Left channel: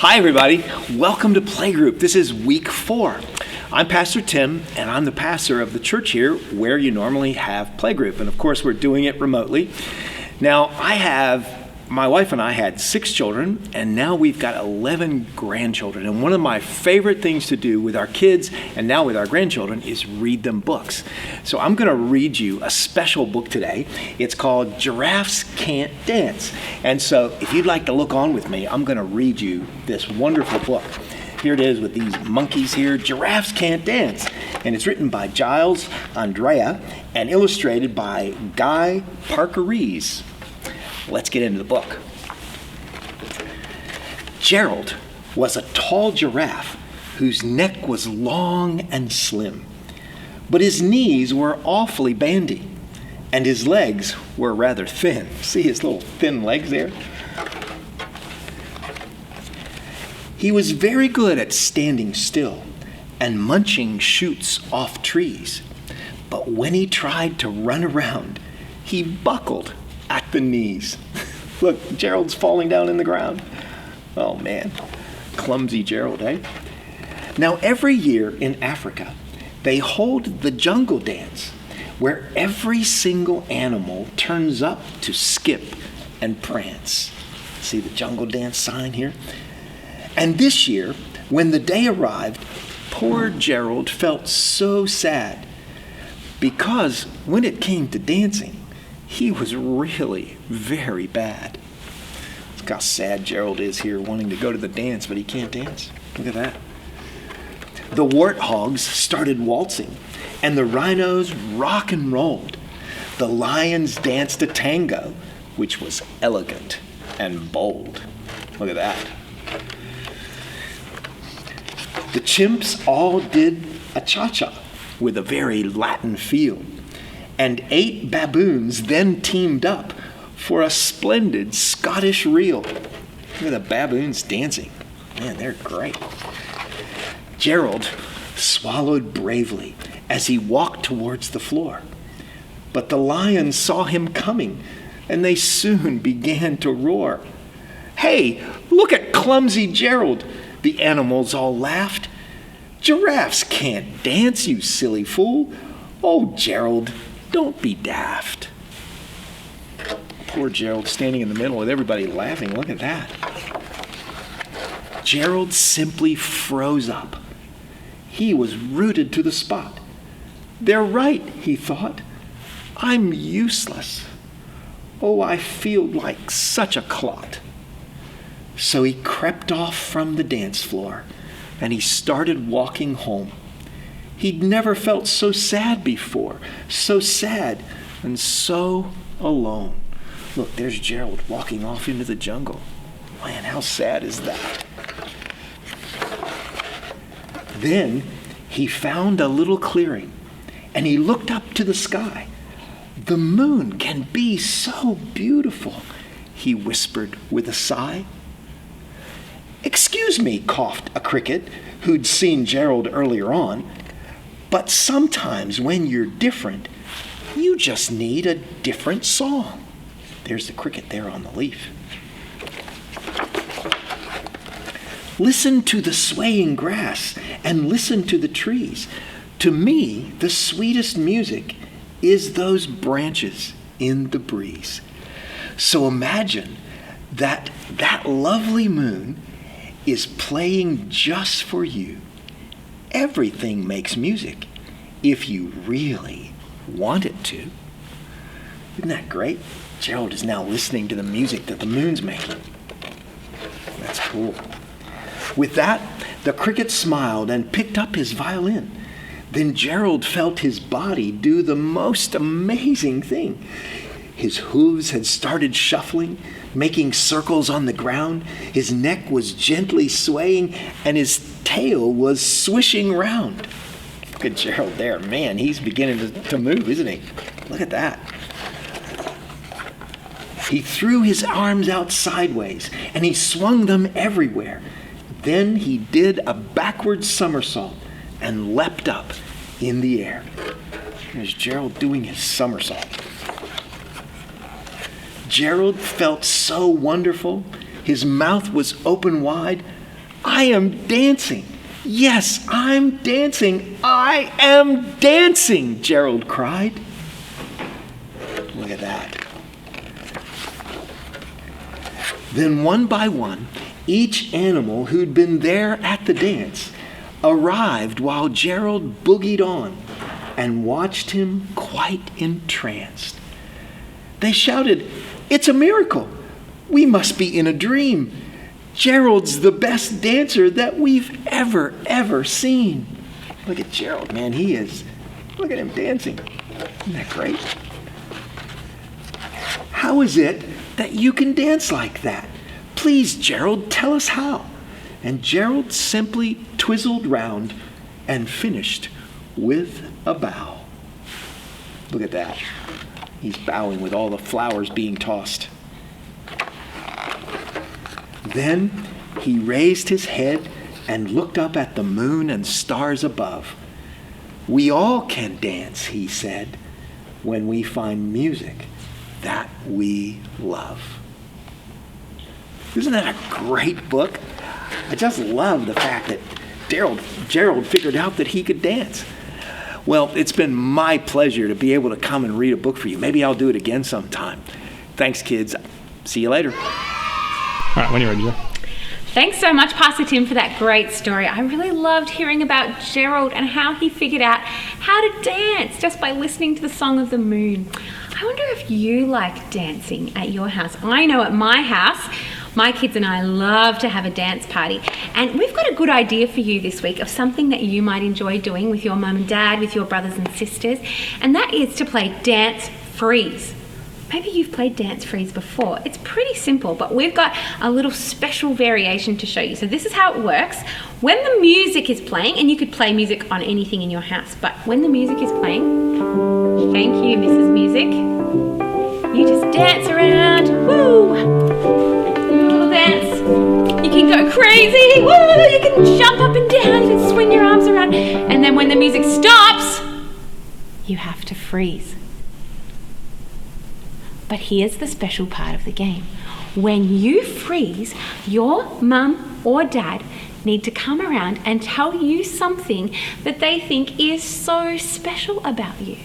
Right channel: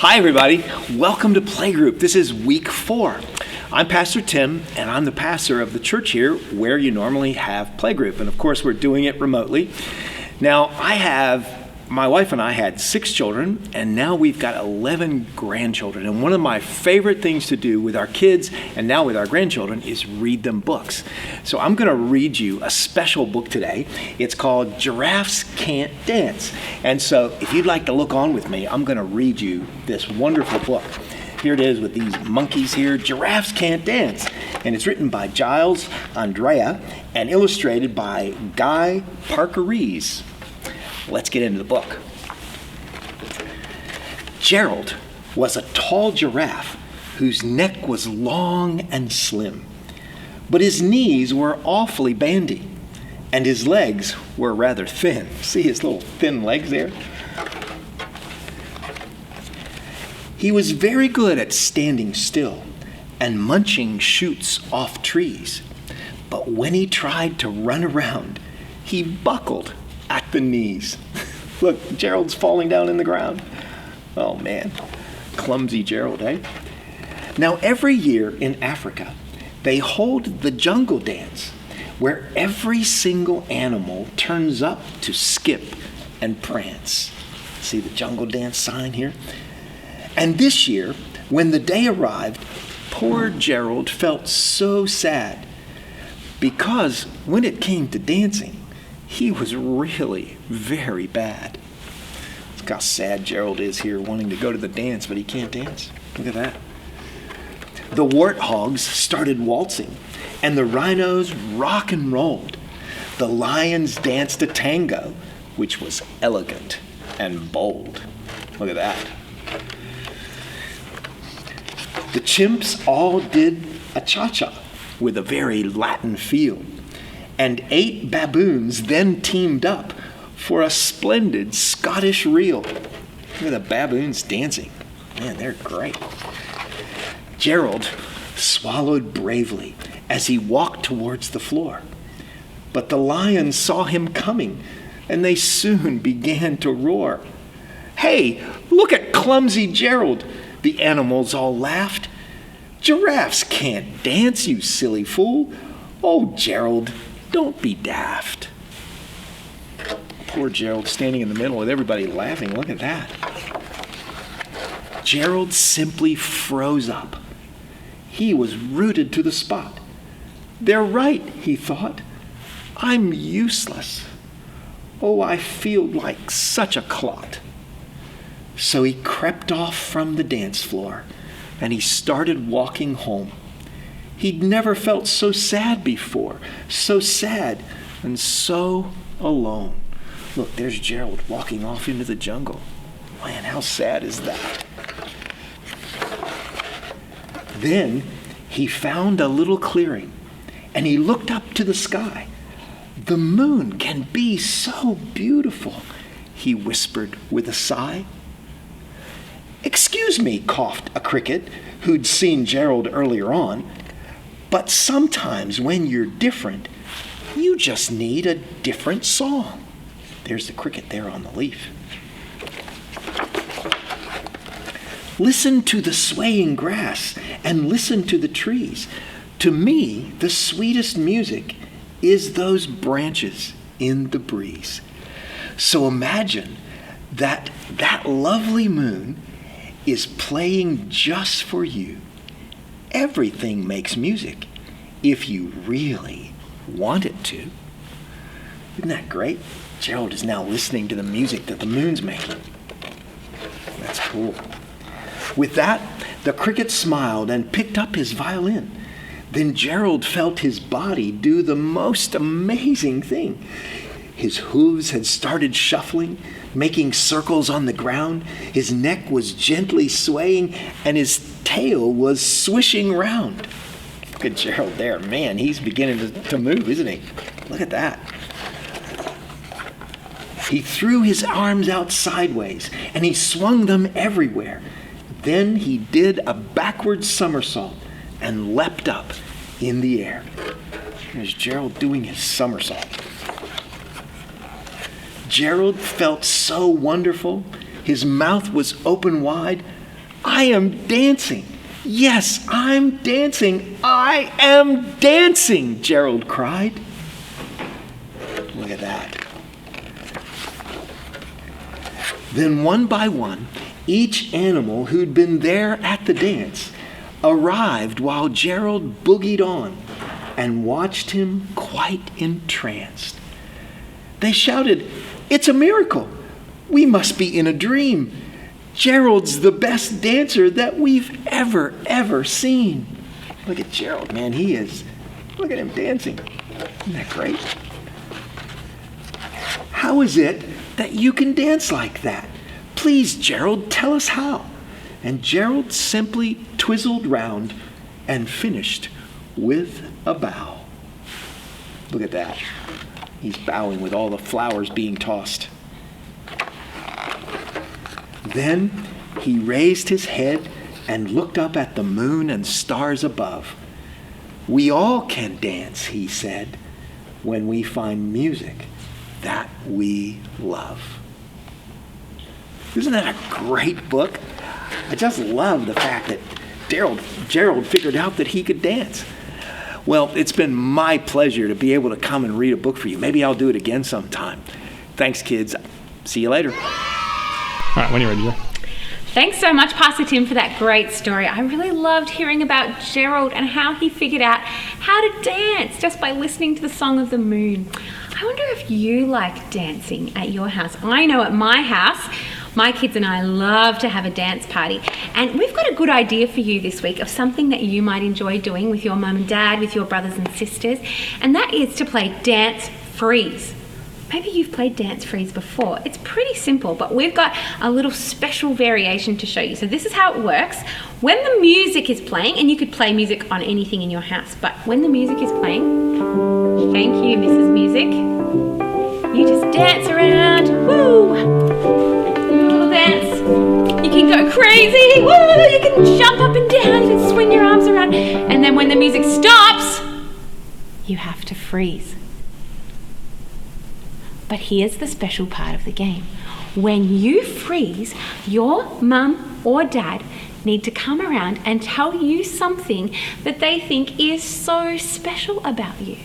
Hi, everybody. Welcome to Playgroup. This is week 4. I'm Pastor Tim, and I'm the pastor of the church here where you normally have Playgroup. And of course, we're doing it remotely. Now, my wife and I had 6 children, and now we've got 11 grandchildren. And one of my favorite things to do with our kids, and now with our grandchildren, is read them books. So I'm going to read you a special book today. It's called Giraffes Can't Dance. And so if you'd like to look on with me, I'm going to read you this wonderful book. Here it is with these monkeys here, Giraffes Can't Dance. And it's written by Giles Andrea and illustrated by Guy Parker-Rees. Let's get into the book. Gerald was a tall giraffe whose neck was long and slim, but his knees were awfully bandy, and his legs were rather thin. See his little thin legs there? He was very good at standing still and munching shoots off trees, but when he tried to run around, he buckled at the knees. Look, Gerald's falling down in the ground. Oh man, clumsy Gerald, eh? Now every year in Africa, they hold the jungle dance, where every single animal turns up to skip and prance. See the jungle dance sign here? And this year, when the day arrived, poor Gerald felt so sad, because when it came to dancing, he was really very bad. Look how sad Gerald is here, wanting to go to the dance, but he can't dance. Look at that. The warthogs started waltzing, and the rhinos rock and rolled. The lions danced a tango, which was elegant and bold. Look at that. The chimps all did a cha-cha with a very Latin feel. And 8 baboons then teamed up for a splendid Scottish reel. Look at the baboons dancing. Man, they're great. Gerald swallowed bravely as he walked towards the floor. But the lions saw him coming, and they soon began to roar. "Hey, look at clumsy Gerald!" the animals all laughed. "Giraffes can't dance, you silly fool. Oh, Gerald, don't be daft." Poor Gerald standing in the middle with everybody laughing. Look at that. Gerald simply froze up. He was rooted to the spot. "They're right," he thought. "I'm useless. Oh, I feel like such a clot." So he crept off from the dance floor, and he started walking home. He'd never felt so sad before, so sad and so alone. Look, there's Gerald walking off into the jungle. Man, how sad is that? Then he found a little clearing, and he looked up to the sky. "The moon can be so beautiful," he whispered with a sigh. "Excuse me," coughed a cricket who'd seen Gerald earlier on, "but sometimes when you're different, you just need a different song." There's the cricket there on the leaf. "Listen to the swaying grass and listen to the trees. To me, the sweetest music is those branches in the breeze." So imagine that lovely moon is playing just for you. Everything makes music if you really want it to. Isn't that great? Gerald is now listening to the music that the moon's making. That's cool. With that, the cricket smiled and picked up his violin. Then Gerald felt his body do the most amazing thing. His hooves had started shuffling, making circles on the ground. His neck was gently swaying, and his tail was swishing round. Look at Gerald there. Man, he's beginning to move, isn't he? Look at that. He threw his arms out sideways, and he swung them everywhere. Then he did a backward somersault and leapt up in the air. There's Gerald doing his somersault. Gerald felt so wonderful. His mouth was open wide, I am dancing. Yes, I'm dancing. I am dancing, Gerald cried. Look at that. Then one by one, each animal who'd been there at the dance arrived while Gerald boogied on and watched him quite entranced. They shouted, "It's a miracle! We must be in a dream. Gerald's the best dancer that we've ever seen." Look at Gerald, man, he is. Look at him dancing. Isn't that great? How is it that you can dance like that? Please, Gerald, tell us how. And Gerald simply twizzled round and finished with a bow. Look at that. He's bowing with all the flowers being tossed. Then he raised his head and looked up at the moon and stars above. "We all can dance," he said, "when we find music that we love." Isn't that a great book? I just love the fact that Gerald figured out that he could dance. Well, it's been my pleasure to be able to come and read a book for you. Maybe I'll do it again sometime. Thanks, kids. See you later. All right, when you're ready, Joe. Thanks so much, Pastor Tim, for that great story. I really loved hearing about Gerald and how he figured out how to dance just by listening to the song of the moon. I wonder if you like dancing at your house. I know at my house, my kids and I love to have a dance party, and we've got a good idea for you this week of something that you might enjoy doing with your mum and dad, with your brothers and sisters, and that is to play Dance Freeze. Maybe you've played Dance Freeze before. It's pretty simple, but we've got a little special variation to show you. So this is how it works. When the music is playing, and you could play music on anything in your house, but when the music is playing, thank you, Mrs. Music, you just dance around, woo! Little dance. You can go crazy, woo! You can jump up and down, you can swing your arms around, and then when the music stops, you have to freeze. But here's the special part of the game. When you freeze, your mum or dad need to come around and tell you something that they think is so special about you.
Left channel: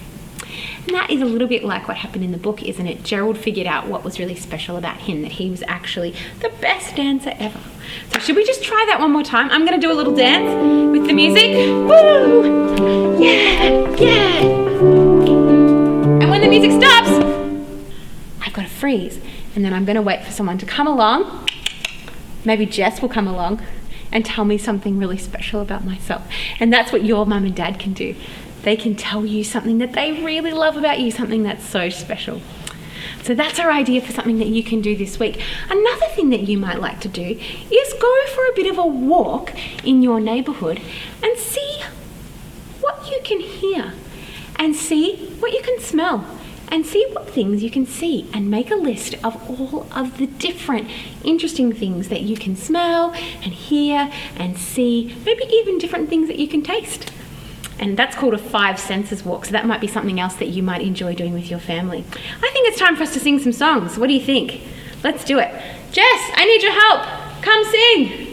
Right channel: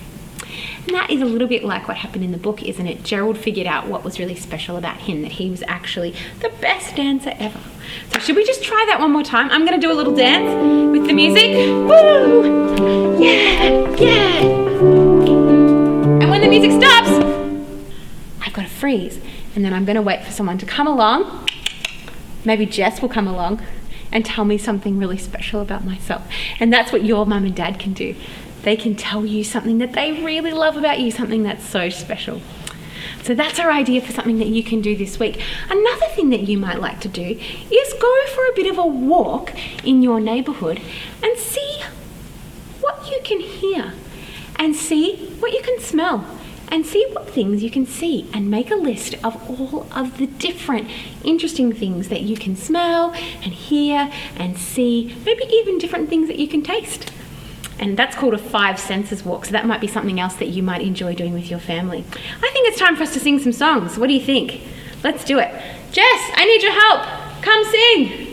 And that is a little bit like what happened in the book, isn't it? Gerald figured out what was really special about him, that he was actually the best dancer ever. So should we just try that one more time? I'm going to do a little dance with the music. Woo! Yeah, yeah. And when the music stops, I've got to freeze, and then I'm going to wait for someone to come along. Maybe Jess will come along and tell me something really special about myself. And that's what your mum and dad can do. They can tell you something that they really love about you, something that's so special. So that's our idea for something that you can do this week. Another thing that you might like to do is go for a bit of a walk in your neighbourhood and see what you can hear, and see what you can smell, and see what things you can see, and make a list of all of the different interesting things that you can smell and hear and see, maybe even different things that you can taste. And that's called a 5 senses walk, so that might be something else that you might enjoy doing with your family. I think it's time for us to sing some songs. What do you think? Let's do it. Jess, I need your help. Come sing.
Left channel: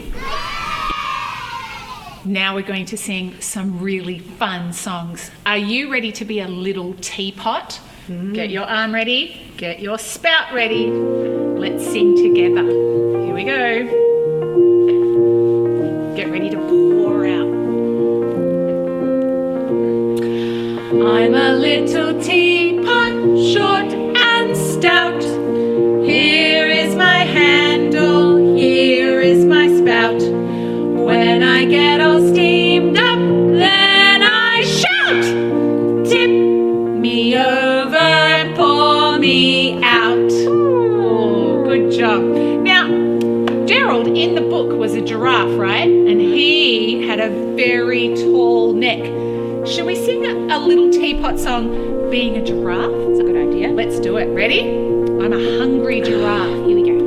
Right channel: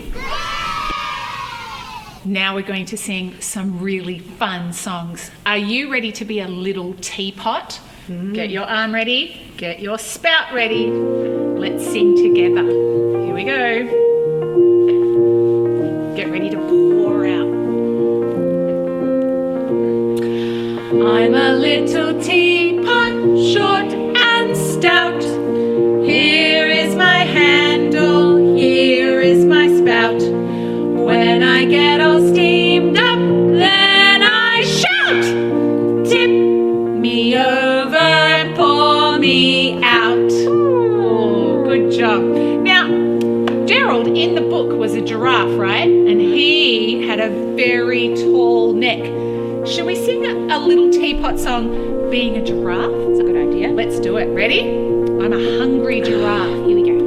Now we're going to sing some really fun songs. Are you ready to be a little teapot? Get your arm ready, get your spout ready. Let's sing together. Here we go. Get ready to pour out. I'm a little teapot, short and stout. Here is my handle, here is my spout. When I get all steamed up, then I shout. Tip me over, pour me out. Oh, good job. Now, Gerald in the book was a giraffe, right? And he had a very tall neck. Should we sing a little teapot song, Being a Giraffe? That's a good idea. Let's do it. Ready? I'm a hungry giraffe. Here we go.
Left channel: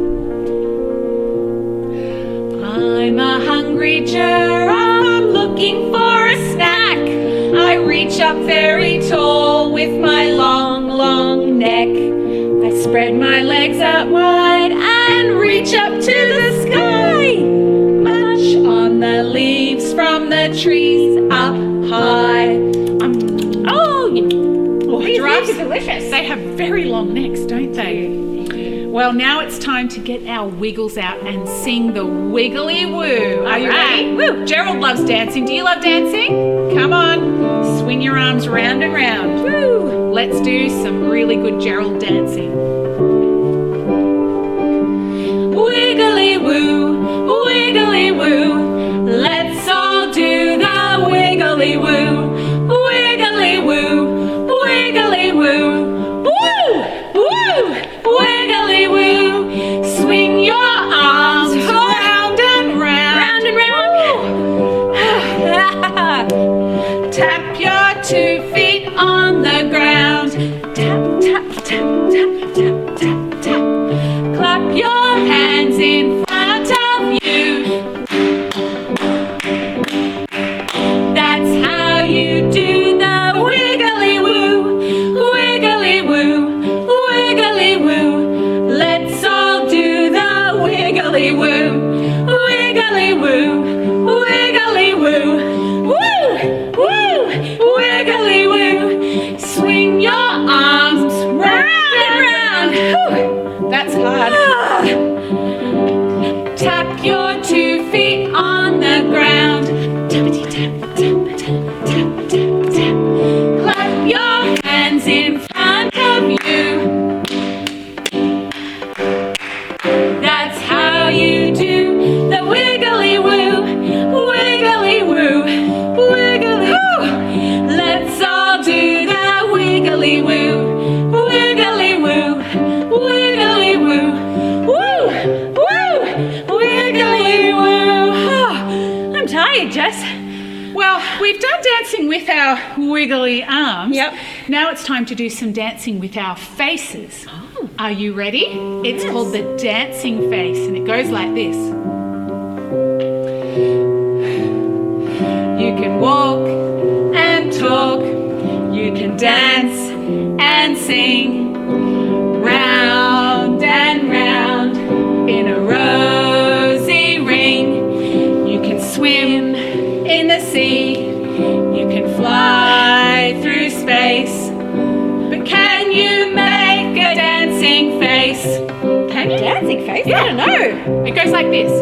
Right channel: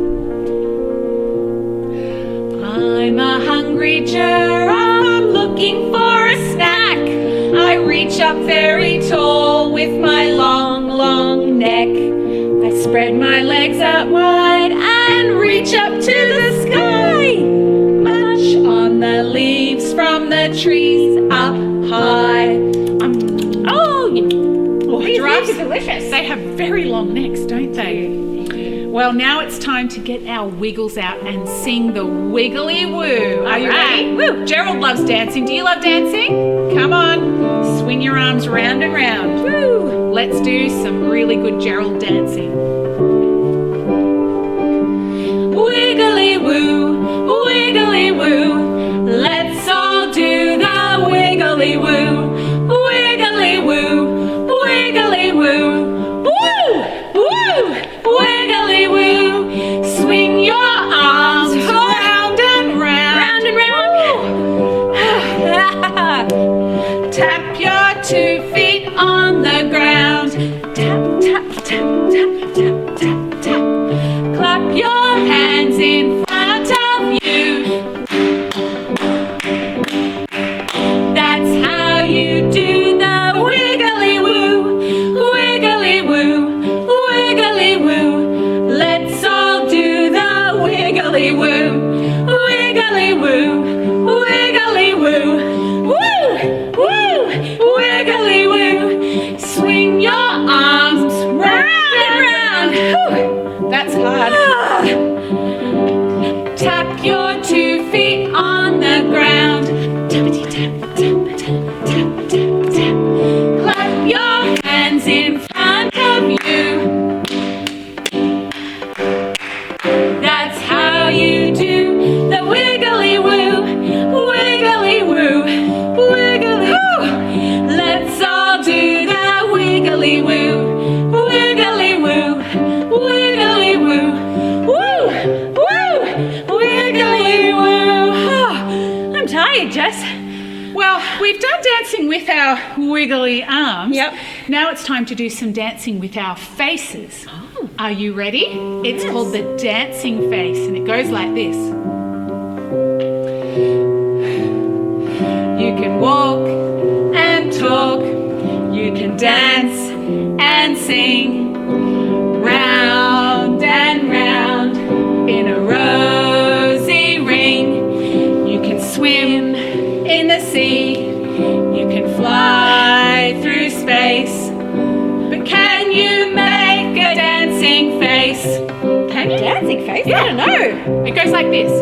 I'm a hungry giraffe looking for a snack. I reach up very tall with my long, long neck. I spread my legs out wide and reach up to the sky. Much trees up high. Oh, these Giraffes are delicious. They have very long necks, don't they? Well, now it's time to get our wiggles out and sing the wiggly woo. Are you ready? Woo. Gerald loves dancing. Do you love dancing? Come on, swing your arms round and round. Woo. Let's do some really good Gerald dancing. Wiggly woo, wiggly woo. Let's all do the wiggly woo. Wiggly woo, wiggly woo. Woo, woo, wiggly woo. Swing your arms round and round. Round and round. Tap your 2 feet on the ground. Tap, tap, tap, tap, tap, tap, tap. Clap your hands in front of you. That's how you do the wiggly woo. Wiggly woo, wiggly woo. Let's all do the wiggly woo. Wiggly woo, wiggly woo. Woo, woo, wiggly woo. Swing your arms round and round. Whew, that's hard. Tap your 2 feet on the ground. Tappity tap, tap, tap, tap, tap, tap. Clap your hands in front of you. That's how you do the wiggly woo. Wiggly woo, wiggly woo. Let's all do the wiggly woo. Wiggly woo, wiggly woo. Woo, woo, wiggly woo. I'm tired, Jess. Well, we've done dancing with our wiggly arms. Yep. Now it's time to do some dancing with our faces. Oh. Are you ready? It's called the dancing face, and it goes like this. You can walk and talk. You can dance and sing. Round and round in a rosy ring. You can swim in the sea. You can fly through space. But can you make a dancing face? Can you? Dancing face? Yeah. I don't know. It goes like this.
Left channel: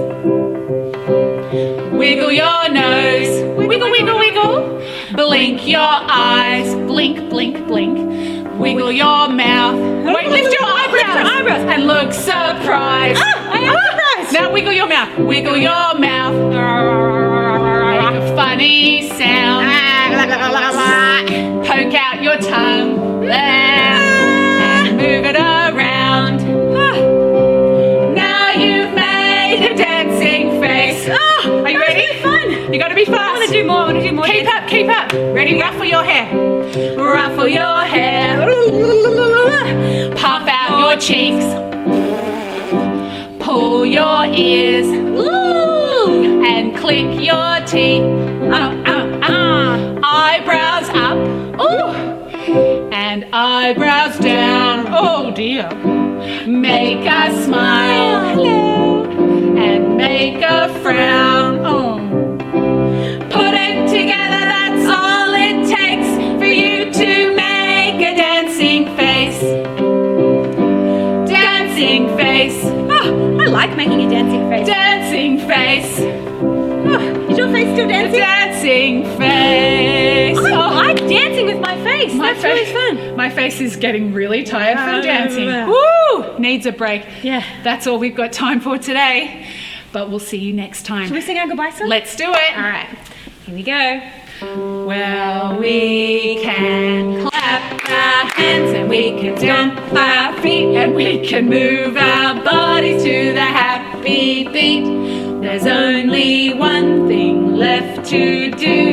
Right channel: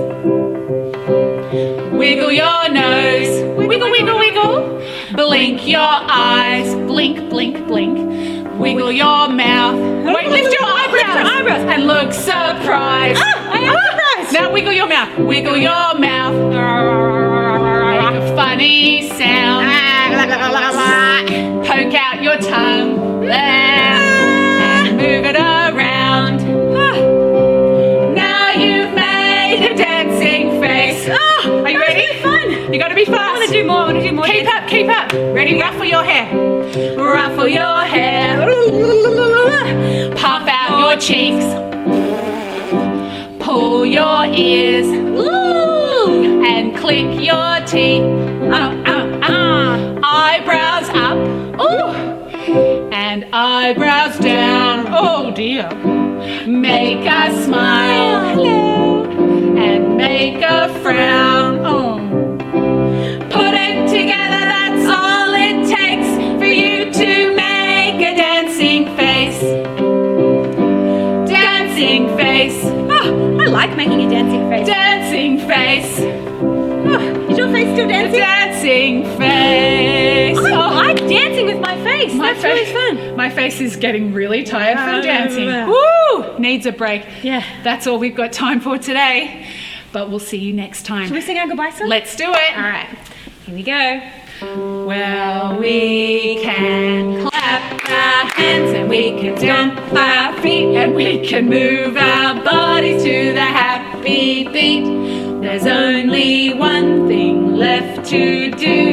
Wiggle your nose. Wiggle, wiggle, wiggle. Blink your eyes. Blink, blink, blink. Wiggle your mouth. Wait, lift your eyebrows. And look surprised. I am surprised. Now wiggle your mouth. Wiggle your mouth. Make a funny sound. Poke out your tongue. And move it around. Now you've made a dancing face. Are you ready? Fun. You gotta be fast. I want to do more. Keep up, keep up. Ready? Ruffle your hair. Ruffle your hair. Puff out your cheeks. Pull your ears. And click your teeth. Eyebrows up. And eyebrows down. Oh dear. Make a smile. And make a frown. Oh. Put it together, that's all it takes for you to make a dancing face. Dancing face. Oh, I like making a dancing face. Dancing face. Oh, is your face still dancing? Dancing face. I like dancing with my face. That's really fun. My face is getting really tired from dancing. yeah. Woo! Needs a break. Yeah. That's all we've got time for today. But we'll see you next time. Shall we sing our goodbye song? Let's do it. All right. Here we go. Well, we can clap our hands and we can stomp our feet and we can move our bodies to the happy beat. There's only one thing left to do.